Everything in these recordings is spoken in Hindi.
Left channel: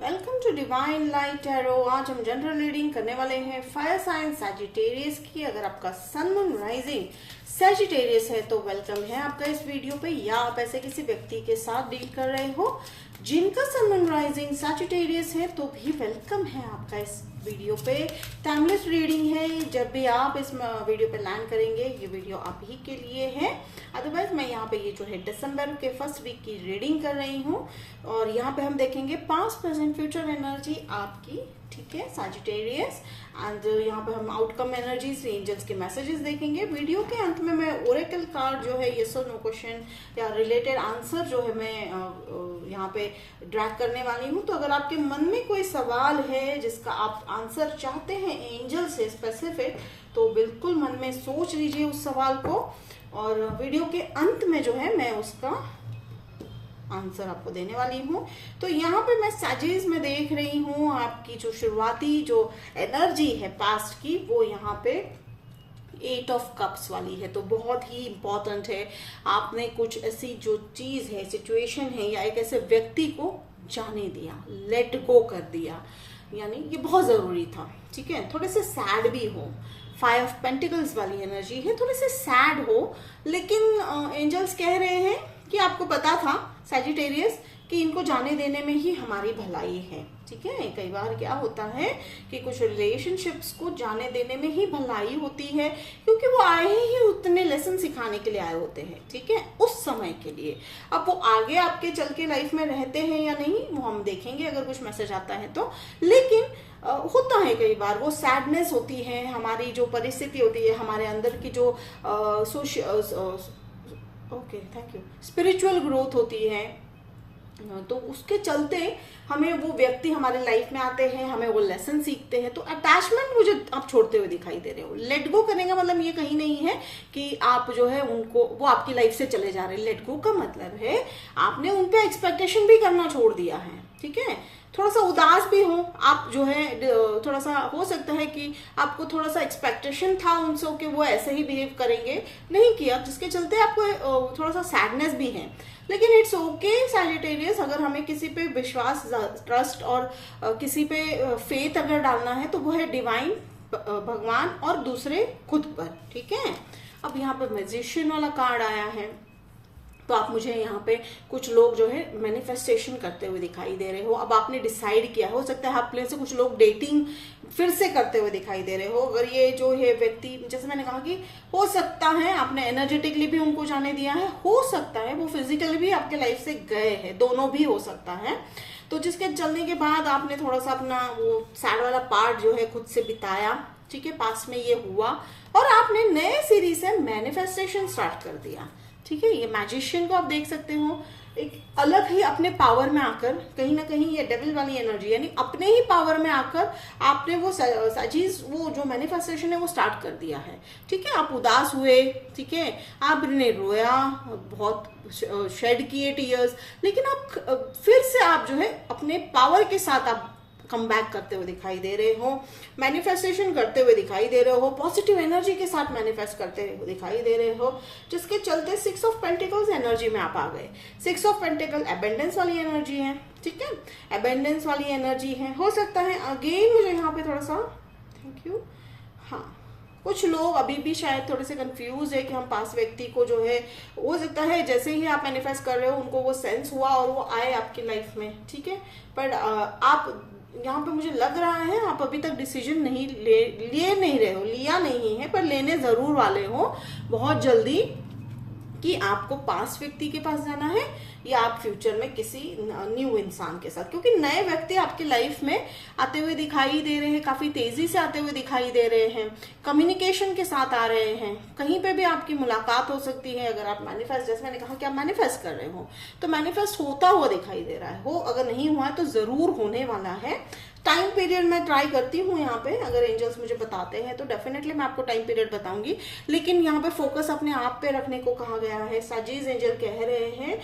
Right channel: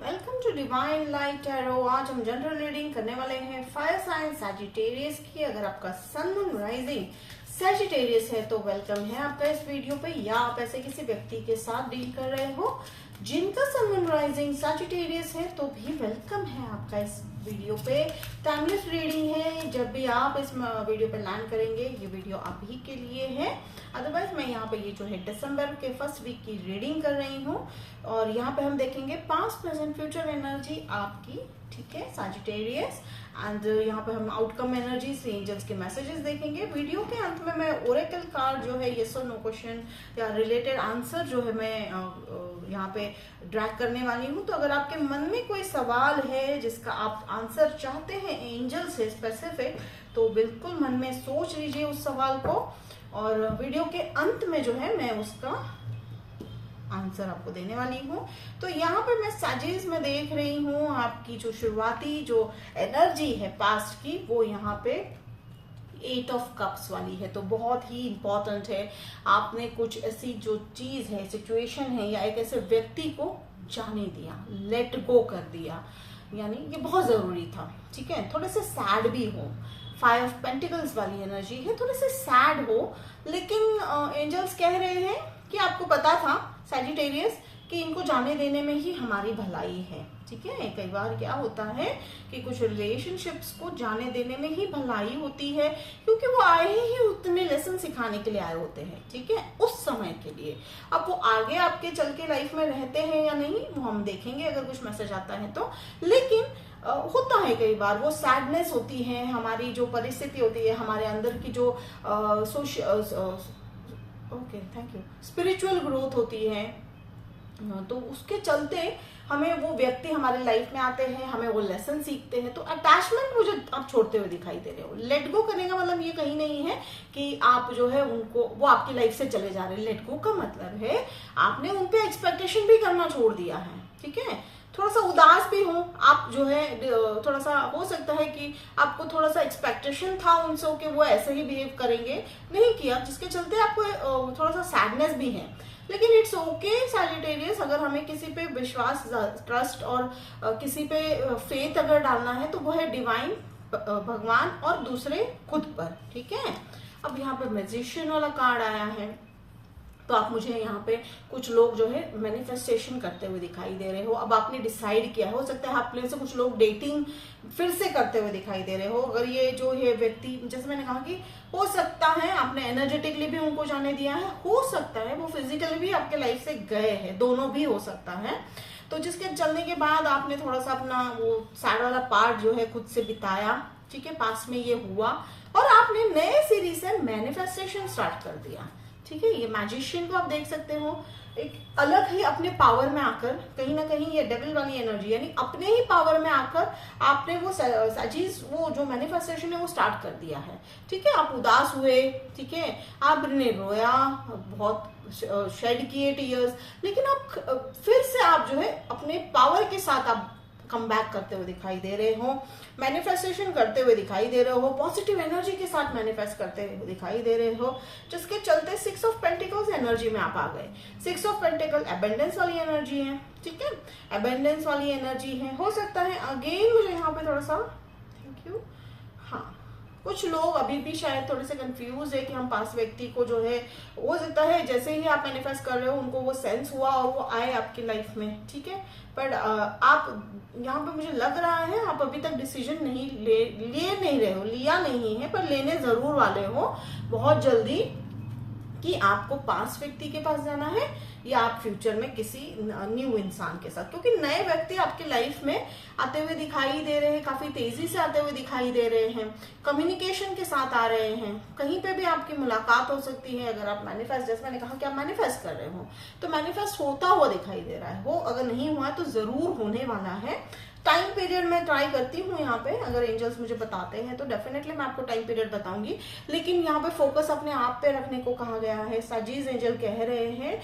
Welcome to divine light tarot. आज हम जनरल रीडिंग करने वाले हैं फायर साइन सैजिटेरियस की। अगर आपका सन मून राइजिंग सैजिटेरियस है तो वेलकम है आपका इस वीडियो पे, या आप ऐसे किसी व्यक्ति के साथ डील कर रहे हो जिनका सन मून राइजिंग सैजिटेरियस है तो भी वेलकम है आपका इस वीडियो पे। टाइमलेस रीडिंग है, जब भी आप इस वीडियो पे लैंड करेंगे ये वीडियो आप ही के लिए है। अदरवाइज मैं यहाँ पे ये जो है दिसंबर के फर्स्ट वीक की रीडिंग कर रही हूँ और यहाँ पे हम देखेंगे पास्ट प्रेजेंट फ्यूचर एनर्जी आपकी, ठीक है सैजिटेरियस। एंड यहाँ पे हम आउटकम एनर्जी से एंजल्स के मैसेजेस देखेंगे। वीडियो के अंत में मैं ओरेकल कार्ड जो है यस और नो क्वेश्चन या रिलेटेड आंसर जो है मैं यहाँ पे ड्रैग करने वाली हूँ। तो अगर आपके मन में कोई सवाल है जिसका आप आंसर चाहते हैं एंजल से स्पेसिफिक, तो बिल्कुल मन में सोच लीजिए उस सवाल को और वीडियो के अंत में जो है मैं उसका आंसर आपको देने वाली हूँ। तो यहाँ पे मैं सैजिस में देख रही हूँ आपकी जो शुरुआती जो एनर्जी है पास्ट की, वो यहाँ पे 8 ऑफ कप्स वाली है। तो बहुत ही इंपॉर्टेंट है, आपने कुछ ऐसी जो चीज है, सिचुएशन है या एक ऐसे व्यक्ति को जाने दिया, लेट गो कर दिया, यानी ये बहुत जरूरी था, ठीक है। थोड़े से सैड भी हो, 5 ऑफ पेंटिकल्स वाली एनर्जी है, थोड़े से सैड हो, लेकिन एंजल्स कह रहे हैं कि आपको पता था सैजिटेरियस कि इनको जाने देने में ही हमारी भलाई है, ठीक है। कई बार क्या होता है कि कुछ रिलेशनशिप्स को जाने देने में ही भलाई होती है, क्योंकि वो आए ही उतने लेसन सिखाने के लिए आए होते हैं, ठीक है, उस समय के लिए। अब वो आगे आपके चल के लाइफ में रहते हैं या नहीं वो हम देखेंगे अगर कुछ मैसेज आता है तो। लेकिन होता है कई बार वो सैडनेस होती है, हमारी जो परिस्थिति होती है, हमारे अंदर की जो थैंक यू स्पिरिचुअल ग्रोथ होती है, तो उसके चलते हमें वो व्यक्ति हमारे लाइफ में आते हैं, हमें वो लेसन सीखते हैं। तो अटैचमेंट मुझे आप छोड़ते हुए दिखाई दे रहे हो। लेट गो करने का मतलब ये कहीं नहीं है कि आप जो है उनको, वो आपकी लाइफ से चले जा रहे हैं। लेट गो का मतलब है आपने उन पे एक्सपेक्टेशन भी करना छोड़ दिया है, ठीक है। थोड़ा सा उदास भी हो आप, जो है थोड़ा सा हो सकता है कि आपको थोड़ा सा एक्सपेक्टेशन था उनसे कि वो ऐसे ही बिहेव करेंगे, नहीं किया, जिसके चलते आपको थोड़ा सा सैडनेस भी है। लेकिन इट्स ओके सैजिटेरियस, अगर हमें किसी पे विश्वास, ट्रस्ट और किसी पे फेथ अगर डालना है तो वो है डिवाइन, भगवान और दूसरे खुद पर, ठीक है। अब यहाँ पे मैजिशियन वाला कार्ड आया है, तो आप मुझे यहाँ पे कुछ लोग जो है मैनिफेस्टेशन करते हुए दिखाई दे रहे हो। अब आपने डिसाइड किया, हो सकता है आप प्लेन से कुछ लोग डेटिंग फिर से करते हुए दिखाई दे रहे हो। अगर ये जो है व्यक्ति, जैसे मैंने कहा कि हो सकता है आपने एनर्जेटिकली भी उनको जाने दिया है, हो सकता है वो फिजिकली भी आपके लाइफ से गए हैं, दोनों भी हो सकता है। तो जिसके चलने के बाद आपने थोड़ा सा अपना वो सैड वाला पार्ट जो है खुद से बिताया, ठीक है, पास में ये हुआ और आपने नए सीरीज से मैनिफेस्टेशन स्टार्ट कर दिया, ठीक है। ये मैजिशियन को आप देख सकते हो, एक अलग ही अपने पावर में आकर, कहीं ना कहीं ये डेविल वाली एनर्जी, यानी अपने ही पावर में आकर आपने वो साजिश, वो जो मैनिफेस्टेशन है वो स्टार्ट कर दिया है, ठीक है। आप उदास हुए, ठीक है, आपने रोया, बहुत शेड किए टीयर्स, लेकिन आप फिर से आप जो है अपने पावर के साथ आप कम बैक करते हुए दिखाई दे रहे हो, मैनिफेस्टेशन करते हुए दिखाई दे रहे हो, पॉजिटिव एनर्जी के साथ मैनिफेस्ट करते हुए दिखाई दे रहे हो, जिसके चलते 6 ऑफ पेंटिकल्स एनर्जी में आप आ गए। 6 ऑफ पेंटिकल एबेंडेंस वाली एनर्जी है, ठीक है, एबेंडेंस वाली एनर्जी है। हो सकता है अगेन मुझे यहाँ पे थोड़ा सा, थैंक यू, हाँ, कुछ लोग अभी भी शायद थोड़े से कंफ्यूज है कि हम पास व्यक्ति को जो है, हो सकता है जैसे ही आप मैनिफेस्ट कर रहे हो उनको वो सेंस हुआ और वो आए आपकी लाइफ में, ठीक है। पर आप यहाँ पे मुझे लग रहा है आप अभी तक डिसीजन नहीं लिए नहीं रहे हो, लिया नहीं है, पर लेने जरूर वाले हो बहुत जल्दी, कि आपको पास व्यक्ति के पास जाना है या आप फ्यूचर में किसी न्यू इंसान के साथ, क्योंकि नए व्यक्ति आपकी लाइफ में आते हुए दिखाई दे रहे हैं, काफी तेजी से आते हुए दिखाई दे रहे हैं, कम्युनिकेशन के साथ आ रहे हैं, कहीं पे भी आपकी मुलाकात हो सकती है। अगर आप मैनिफेस्ट, जैसे मैंने कहा कि आप मैनिफेस्ट कर रहे हो तो मैनिफेस्ट होता हुआ दिखाई दे रहा है, वो अगर नहीं हुआ तो जरूर होने वाला है। टाइम पीरियड मैं ट्राई करती हूँ यहाँ पे, अगर एंजल्स मुझे बताते हैं तो डेफिनेटली मैं आपको टाइम पीरियड बताऊंगी, लेकिन यहाँ पे फोकस अपने आप पे रखने को कहा गया है। साजिश एंजल कह रहे हैं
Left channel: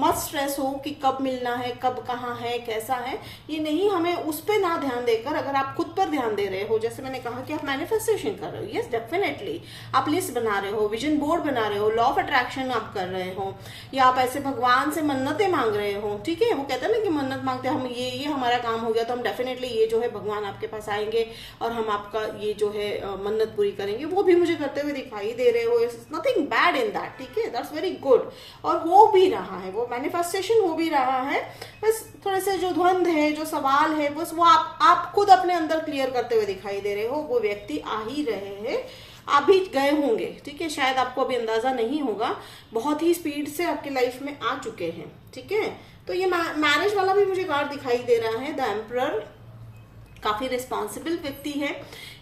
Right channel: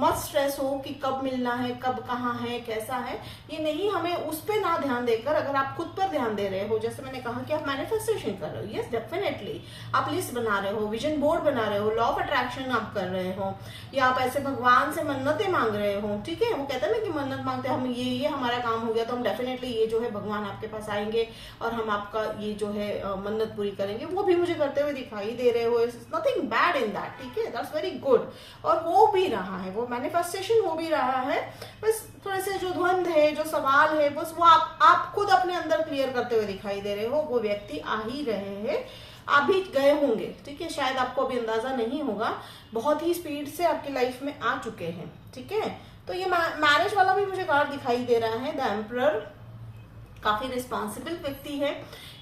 मत स्ट्रेस हो कि कब मिलना है, कब कहाँ है, कैसा है, ये नहीं, हमें उस पर ना ध्यान देकर अगर आप खुद पर ध्यान दे रहे हो, जैसे मैंने कहा कि आप मैनिफेस्टेशन कर रहे हो, यस डेफिनेटली आप लिस्ट बना रहे हो, विजन बोर्ड बना रहे हो, लॉ ऑफ अट्रैक्शन आप कर रहे हो, या आप ऐसे भगवान से मन्नतें मांग रहे हो, ठीक है। वो कहते हैं ना कि मन्नत मांगते हम ये हमारा काम हो गया तो हम डेफिनेटली ये जो है भगवान आपके पास आएंगे और हम आपका ये जो है मन्नत पूरी करेंगे, वो भी मुझे करते हुए दिखाई दे रहे हो, it's nothing bad in that, ठीक है, दैट्स वेरी गुड। और हो भी रहा है, वो मैनिफेस्टेशन हो भी रहा है, बस थोड़े से जो द्वंद है, जो सवाल है, बस वो आप खुद अपने अंदर क्लियर करते हुए दिखाई दे रहे हो। वो व्यक्ति आ ही रहे हैं, आप भी गए होंगे, ठीक है, शायद आपको अभी अंदाजा नहीं होगा, बहुत ही स्पीड से आपकी लाइफ में आ चुके हैं, ठीक है। तो ये मैरिज वाला भी मुझे कार्ड दिखाई दे रहा है, द एम्परर, काफी रिस्पॉन्सिबल व्यक्ति है,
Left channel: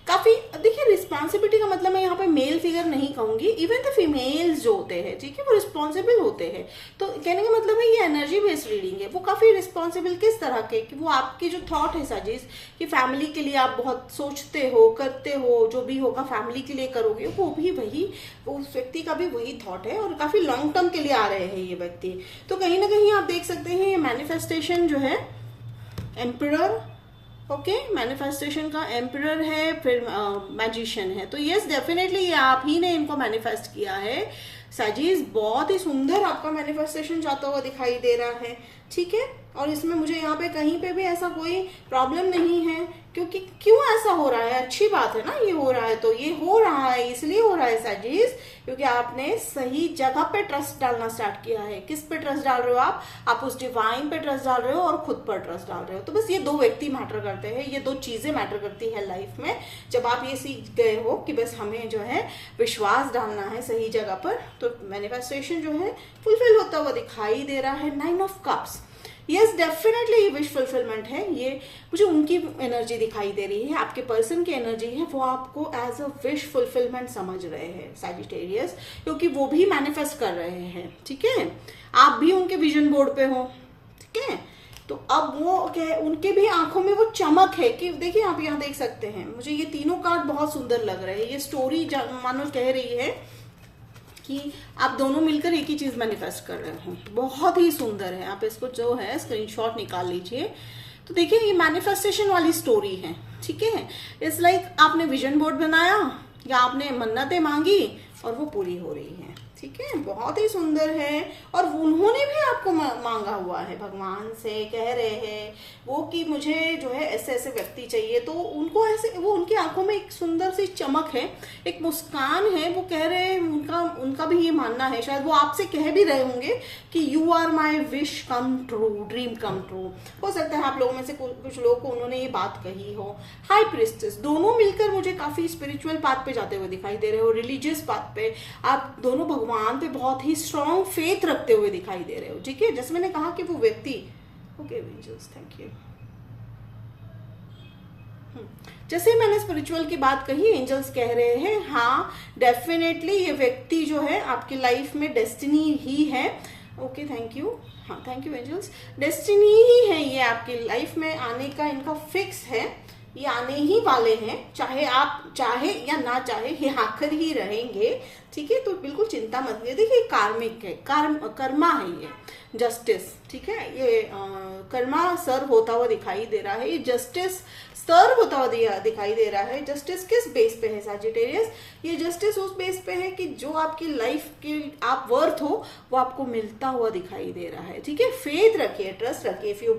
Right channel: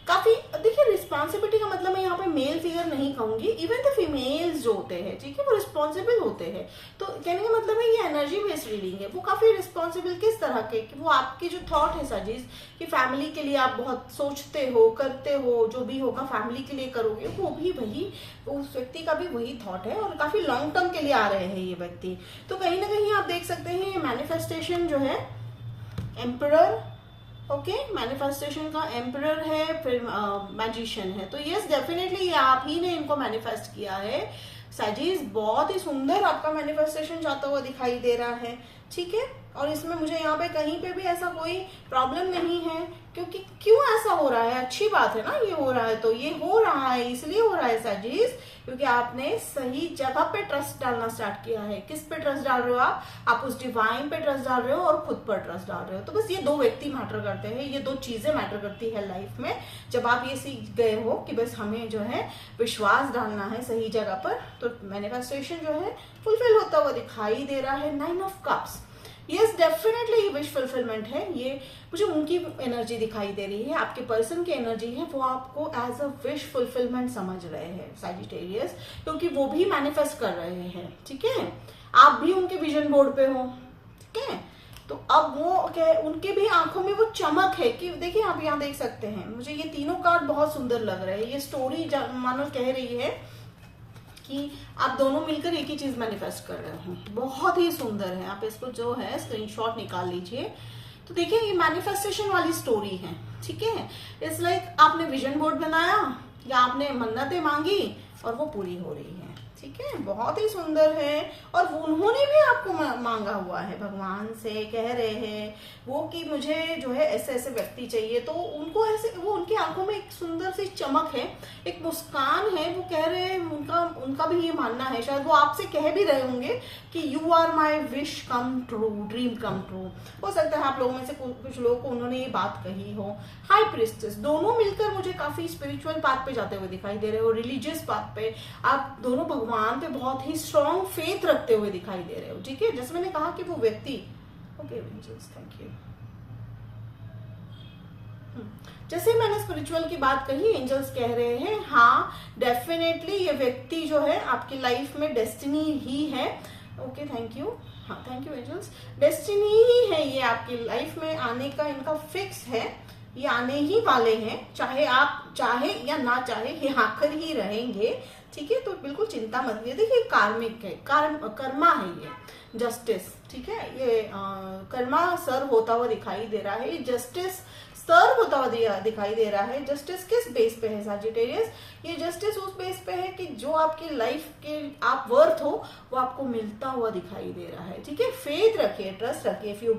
काफी, देखिए रिस्पॉन्सिबिलिटी का मतलब मैं यहाँ पे मेल फिगर नहीं कहूंगी, इवन द फीमेल्स जो होते हैं, ठीक है, वो रिस्पॉन्सिबल होते हैं। तो कहने का मतलब है ये एनर्जी बेस्ड रीडिंग है, वो काफी रिस्पॉन्सिबल किस तरह के, कि वो आपकी जो थॉट है साजिश, कि फैमिली के लिए आप बहुत सोचते हो, करते हो, जो भी होगा फैमिली के लिए करोगे, वो भी वही, उस व्यक्ति का भी वही थॉट है, और काफी लॉन्ग टर्म के लिए आ रहे हैं ये व्यक्ति। तो कहीं ना कहीं आप देख सकते हैं ये मैनिफेस्टेशन जो है, एम्परर, ओके, मैनिफेस्टेशन का एम्परर है, फिर मैजिशियन है। तो यस डेफिनेटली ये आप ही ने इनको मैनिफेस्ट किया है साजिश, बहुत ही सुंदर आपका मैनिफेस्टेशन जाता हुआ दिखाई दे रहा है, ठीक है। और इसमें मुझे यहाँ पे कहीं पे भी ऐसा कोई प्रॉब्लम नहीं है, क्योंकि क्यों ऐसा हो रहा है, अच्छी बात है ना, ये हो रहा है तो ये हो रहा है, इसलिए हो रहा है साजिश, क्योंकि आपने सही जगह पे ट्रस्ट डालना स्टार्ट किया है। किस पे ट्रस्ट डाल रहे हो आप उस डिवाइन पे ट्रस्ट डाल रहे हो और खुद पर ट्रस्ट डाल रहे हो। तो बस ये दो व्यक्ति मैटर करते हैं, ये दो चीजें मैटर करती है लाइफ में। जब आप ये सीख गए हो कि बस हमें जो है विश्वास डालना है सही जगह पर, तो मैनिफेस्टेशन जो है फुलफिल होता हुआ दिखाई दे रहा है। 9 ऑफ कप्स, यस डेफिनेटली ये विश फुलफिलमेंट है, ये मुझे उनकी एनर्जी दिखाई दे रही है, आपके पर्सन की एनर्जी है, वो आपको एज अ विश फुलफिलमेंट समझ रहे हैं सैजिटेरियस, क्योंकि वो भी मैनिफेस्ट कर रहे हैं, ठीक है। आप भी उनके विजन बोर्ड पे हो, ठीक है। तो अब वो क्या, उनके भी आंखों में वो चमक है कि देखिए आप यहाँ देख सकते हैं, मुझे ये तीनों कार्ड बहुत सुंदर लग रहे हैं। ये स्टोरी मानो कह रही है कि आप दोनों मिलकर एक ही चीज मैनिफेस्ट कर रहे हो, बहुत ही सुंदर है। आप इसको जो है स्क्रीनशॉट निकाल लीजिए। तो देखिए ये मैनिफेस्टेशन वाली स्टोरी है, ठीक है। इट्स लाइक आपने विजन बोर्ड बनाया या आपने मन्नतें मांगी और वो पूरी हो रही है, ठीक है, बहुत ही सुंदर है। और उन्होंने भी आपको मांगा हुआ है, भगवान से कह रहे हैं वो कि मुझे जो है ऐसे ऐसे व्यक्ति चाहिए। तो उनको ऐसे, वो उनकी आंखों में एक सुंदर सी चमक है, एक मुस्कान है, वो कह रहे हैं, उनका भी ये मानना है, शायद वो आपसे कह भी रहे होंगे कि you are my wish come true, dream come true. हो सकता है आप लोगों में से कुछ लोगों को उन्होंने ये बात कही हो। हाई प्रीस्टेस, दोनों मिलकर मुझे काफी स्पिरिचुअल पाथ पे जाते हुए दिखाई दे रहे हो, रिलीजियस पाथ पे, आप दोनों भगवान पे बहुत ही स्ट्रॉन्ग फेथ रखते हुए दिखाई दे रहे हो, ठीक है। जैसे मैंने कहा कि वो व्यक्ति, ओके एंजल्स थैंक यू, जैसे मैंने स्पिरिचुअल की बात कही, एंजल्स कह रहे हैं हाँ डेफिनेटली ये व्यक्ति जो है आपकी लाइफ में डेस्टिनी ही है। ओके थैंक यू, हाँ थैंक यू एंजल्स, डेस्टिनी ही है ये आपकी लाइफ में आने का, इनका फिक्स है, ये आने ही वाले हैं, चाहे आप चाहे या ना चाहे ये आकर ही रहेंगे, ठीक है। तो बिल्कुल चिंता मत करिए। देखिए कार्मिक है, कर्मा है ये, जस्टिस, ठीक है। ये कर्मा सर्व होता हुआ दिखाई दे रहा है, ये जस्टिस सर्व होता हुआ दिखाई दे रहा है। जस्टिस किस बेस पे है सैजिटेरियस? ये जस्टिस उस बेस पे है कि जो आपकी लाइफ के आप वर्थ हो वो आपको मिलता हुआ दिखाई दे रहा है, ठीक है। फेथ रखिए, ट्रस्ट रखिए, इफ यू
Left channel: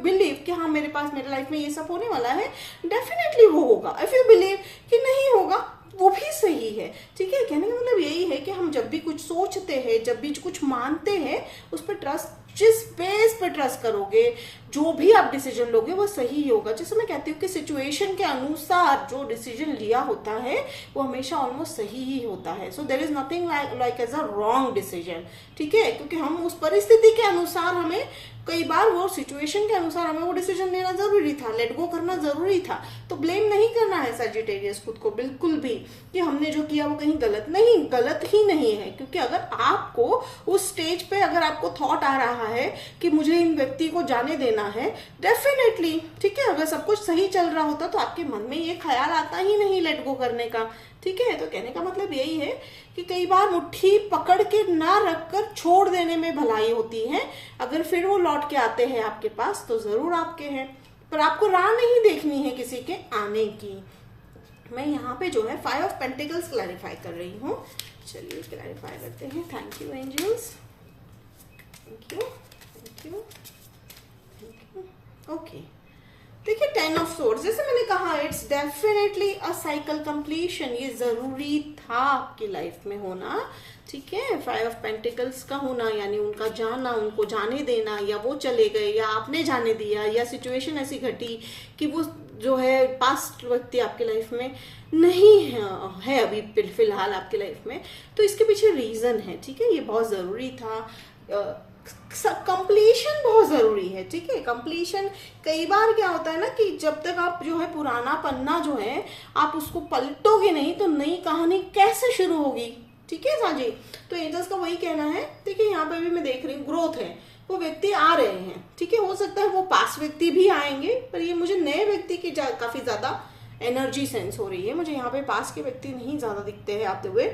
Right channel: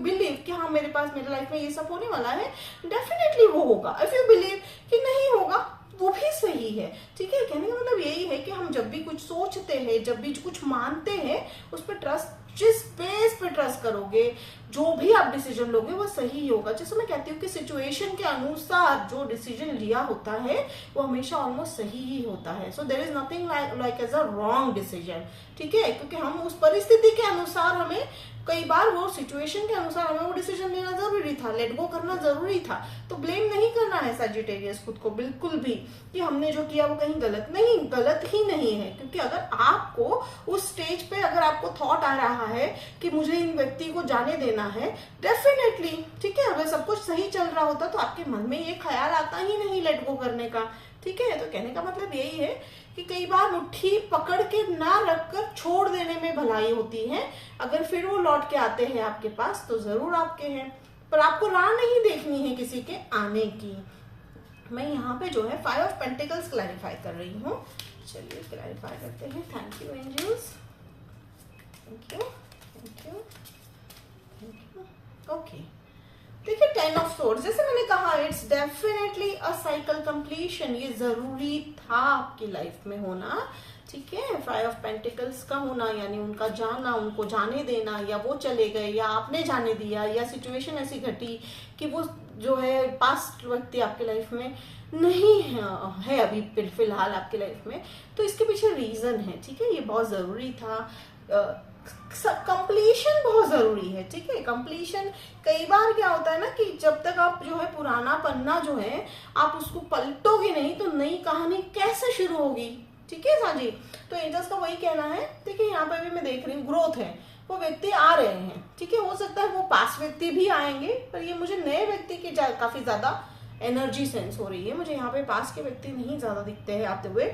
बिलीव कि हाँ मेरे पास मेरे लाइफ में ये सब होने वाला है, डेफिनेटली वो होगा। इफ यू बिलीव कि नहीं होगा, वो भी सही है, ठीक है। कहने का मतलब यही है कि हम जब भी कुछ सोचते हैं, जब भी कुछ मानते हैं, उस पर ट्रस्ट, जिस बेस पे ट्रस्ट करोगे, जो भी आप डिसीजन लोगे वो सही होगा। जैसे मैं कहती हूँ कि सिचुएशन के अनुसार जो डिसीजन लिया होता है वो हमेशा ऑलमोस्ट सही ही होता है। So there is nothing like as a wrong decision, ठीक है, क्योंकि हम उस परिस्थिति के अनुसार, हमें कई बार वो सिचुएशन के अनुसार हमें वो डिसीजन लेना जरूरी था, लेट गो करना जरूरी था। तो ब्लेम नहीं करना है सैजिटेरियस खुद को बिल्कुल भी कि हमने जो किया वो कहीं गलत नहीं, गलत ही नहीं है। क्योंकि अगर आपको उस स्टेज पे अगर आपको थॉट आ रहा है कि मुझे इन व्यक्ति को जाने देना है, डेफिनेटली, ठीक है, अगर सब कुछ सही चल रहा होता तो आपके मन में ये ख्याल आता ही नहीं लेट गो करने का, ठीक है। तो कहने का मतलब यही है कि कई बार मुट्ठी पकड़ के ना रखकर छोड़ देने में भलाई होती है। अगर फिर वो लौट के आते हैं आपके पास तो जरूर आपके हैं, पर आपको राह नहीं देखनी है किसी के आने की। मैं यहाँ पे जो है 5 ऑफ पेंटिकल्स क्लैरिफाई कर रही हूँ। चलिए क्लैरिफाई करते हैं। Thank you angels, thank you, thank you, thank you. Okay, देखिए 10 ऑफ सोर्ड्स, जैसे मैंने कहा it's definitely a cycle completion. ये जरूरी था आपकी लाइफ में होना, ठीक है। 5 ऑफ पेंटिकल्स का होना यानी उनका जाना, उनको जाने देना, या वो चले गए या आपने जाने दिया, या सिचुएशन ऐसी घटी कि वो जो है पास्ट व्यक्ति आपकी लाइफ में नहीं है अभी फिलहाल आपकी लाइफ में, तो इसके पीछे रीजन है, ठीक है। ये बहुत जरूरी था। कंप्लीशन बहुत जरूरी है, ठीक है। कंप्लीशन, कई बार क्या होता है ना कि जब तक आप जो है पुराना पन्ना जो है आप उसको पलटोगे नहीं तो नई कहानी कैसे शुरू होगी, ठीक है साजी। तो एंजल्स का वही कहना है। देखिए यहाँ पे भी मैं देख रही हूँ ग्रोथ है, वो व्यक्ति आ रहे हैं, ठीक है। हो सकता है वो पास व्यक्ति भी आएंगे, पर ये मुझे नए व्यक्ति की काफी ज्यादा एनर्जी सेंस हो रही है। मुझे यहाँ पे पास के व्यक्ति नहीं ज्यादा दिखते हैं आते हुए।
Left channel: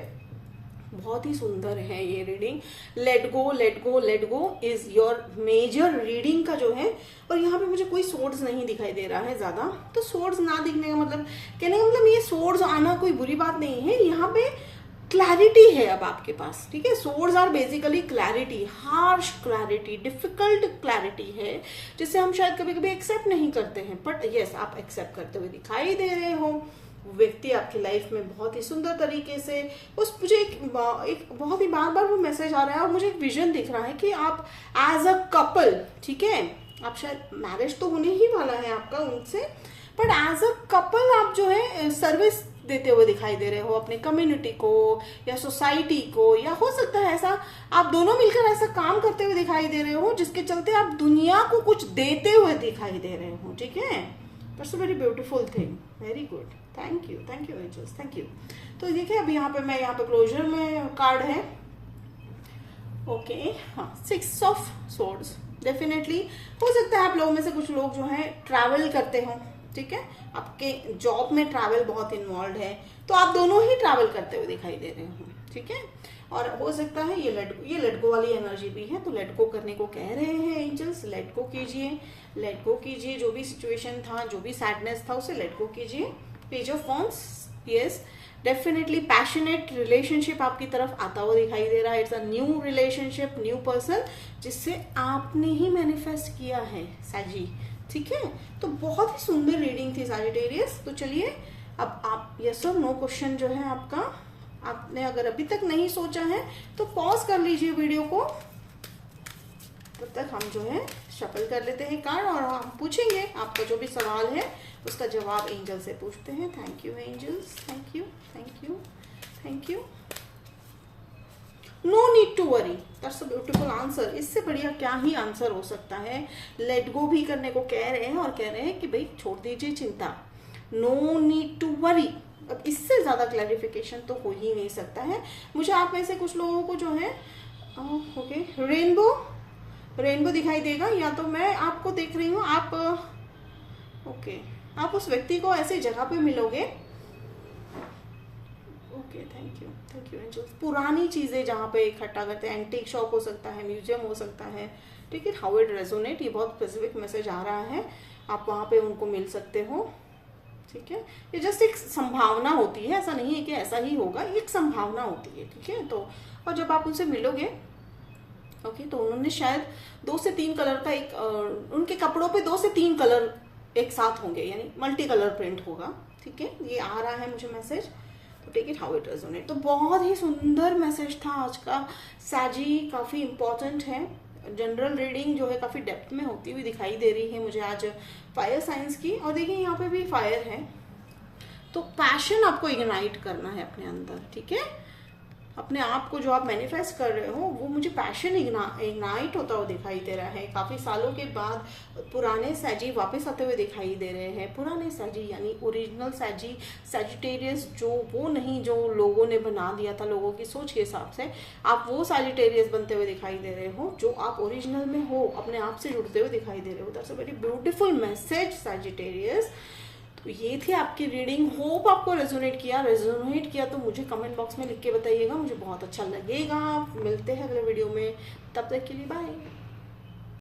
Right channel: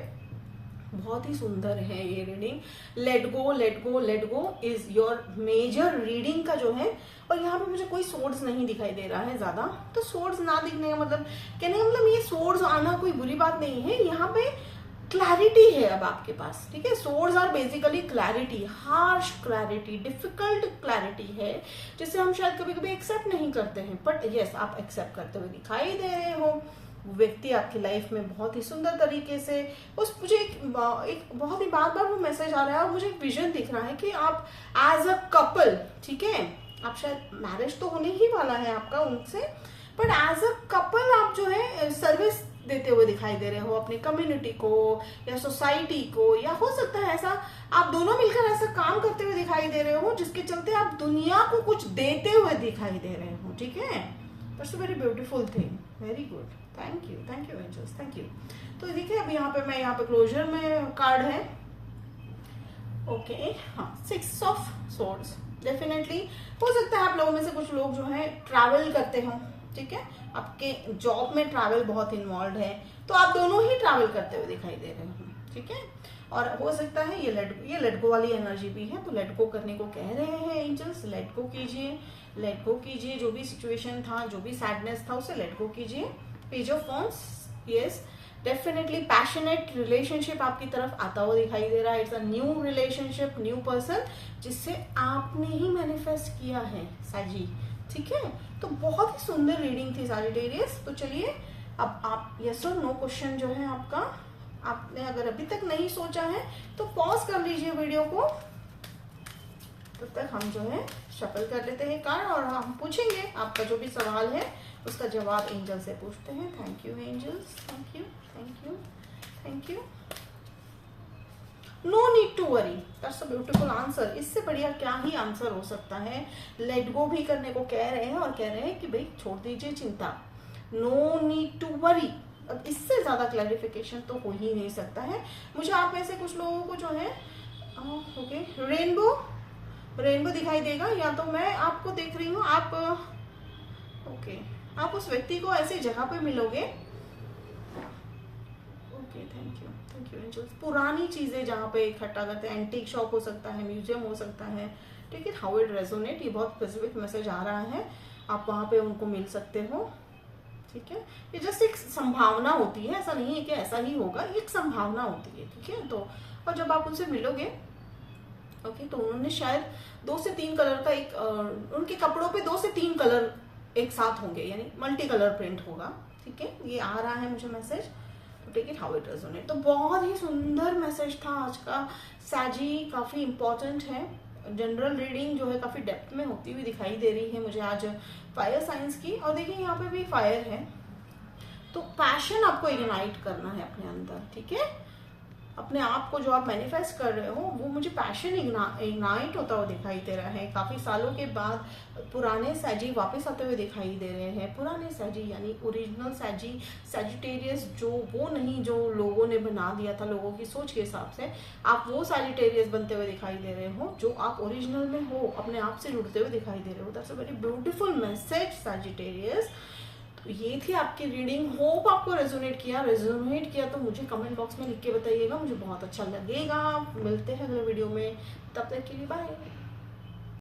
बहुत ही सुंदर है ये reading. Let go, let go, let go is your major reading का जो है। और यहाँ पे मुझे कोई सोर्ड्स नहीं दिखाई दे रहा है ज्यादा, तो सोर्ड्स ना दिखने का मतलब, कहने का मतलब ये सोर्ड्स आना कोई बुरी बात नहीं है। यहाँ पे क्लैरिटी है अब आपके पास, ठीक है। Swords are basically clarity, harsh clarity, difficult clarity है, जिसे हम शायद कभी कभी एक्सेप्ट नहीं करते हैं, बट यस आप एक्सेप्ट करते हुए दिखाई दे रहे हो। व्यक्ति आपकी लाइफ में बहुत ही सुंदर तरीके से, उस मुझे एक बहुत ही बार बार वो मैसेज आ रहा है और मुझे एक विजन दिख रहा है कि आप एज अ कपल, ठीक है, आप शायद मैरिज तो होने ही वाला है आपका उनसे, बट एज अ कपल आप जो है सर्विस देते हुए दिखाई दे रहे हो अपने कम्युनिटी को या सोसाइटी को, या हो सकता है ऐसा आप दोनों मिलकर ऐसा काम करते हुए दिखाई दे रहे हो जिसके चलते आप दुनिया को कुछ देते हुए दिखाई दे रहे हो, ठीक है। That's a very beautiful thing, very good, thank you angels, thank you. तो देखिए अब यहाँ पे क्लोजर में कार्ड है, ओके। हाँ, 6 ऑफ सोर्ड्स, डेफिनेटली हो सकता है आप लोगों में से कुछ लोग जो है ट्रैवल करते हो, ठीक है। आपके जॉब में ट्रैवल बहुत इन्वॉल्व है, तो आप दोनों ही ट्रैवल करते हुए दिखाई दे रहे हो, ठीक है। और हो सकता है ये लेट गो वाली एनर्जी भी है, तो लेट गो करने को कह रहे हैं एंजल्स। लेट गो कीजिए, लेट गो कीजिए, जो भी सिचुएशन था, जो भी सैडनेस था उसे लेट गो कीजिए। Page of wands, yes definitely passionate relationship आपकी तरफ आता हुआ दिखाई दे रहा है। It's a new relationship, new person जिससे आपने ही मैनिफेस्ट किया है साजी, ठीक है। तो बहुत ही सुंदर रीडिंग थी सैजिटेरियस। तो चलिए अब आप यस और नो क्वेश्चन जो है आपका, आपने अगर अभी तक नहीं सोचा है तो पॉज कर लीजिए वीडियो को, तब तक हम जो है शफल कर लेते हैं कार्ड और हम पूछेंगे आपका जो भी सवाल है उसका जवाब एंजल से पूछते हैं। Thank you angels, thank you, thank you, thank you. No need to worry, that's a beautiful answer. इससे बढ़िया क्या ही आंसर हो सकता है। लेट गो भी करने को कह रहे हैं और कह रहे हैं कि भाई छोड़ दीजिए चिंता, नो नीड टू वरी। अब इससे ज्यादा क्लैरिफिकेशन तो हो ही नहीं सकता है। मुझे आप में से कुछ लोगों को जो है ओके रेनबो दिखाई देगा, या तो मैं आपको देख रही हूँ, आप ओके आप उस व्यक्ति को ऐसी जगह पे मिलोगे, ओके थैंक यू एंजल्स। पुरानी चीजें जहाँ पे इकट्ठा करते हैं, एंटीक शॉप हो सकता है, म्यूजियम हो सकता है, ठीक है। हाउ इट रेजोनेट, ये बहुत स्पेसिफिक मैसेज आ रहा है। आप वहां पे उनको मिल सकते हो, ठीक है। ये जस्ट एक संभावना होती है, ऐसा नहीं है कि ऐसा ही होगा, एक संभावना होती है, ठीक है। तो और जब आप उनसे मिलोगे, ओके, तो उन्होंने शायद 2 से 3 कलर का एक उनके कपड़ों पे 2 से 3 कलर एक साथ होंगे, यानी मल्टी कलर प्रिंट होगा, ठीक है। ये आ रहा है मुझे मैसेज, तो take it how it resonate. तो बहुत ही सुंदर मैसेज था आज का साजी, काफी इंपॉर्टेंट है। जनरल रीडिंग जो है काफी डेप्थ में होती हुई दिखाई दे रही है मुझे आज फायर साइंस की। और देखिए यहाँ पे भी फायर है, तो पैशन आपको इग्नाइट करना है अपने अंदर, ठीक है। अपने आप को जो आप मैनिफेस्ट कर रहे हो वो मुझे पैशन इग्नाइट होता हुआ दिखाई दे रहा है। काफी सालों के बाद पुराने सैजी वापस आते हुए दिखाई दे रहे हैं। पुराने सैजी यानी ओरिजिनल सैजी, सैजिटेरियस जो वो नहीं जो लोगों ने बना दिया था लोगों की सोच के हिसाब से, आप वो सैजिटेरियस बनते हुए दिखाई दे रहे हो जो आप ओरिजिनल में हो, अपने आप से जुड़ते हुए दिखाई दे रहे हो। That's a very beautiful message Sagittarius. तो ये थी आपकी रीडिंग। होप आपको रेजोनेट किया तो मुझे कमेंट बॉक्स में लिख के बताइएगा, मुझे बहुत अच्छा लगेगा। मिलते हैं अगले वीडियो में, तब तक के लिए बाय।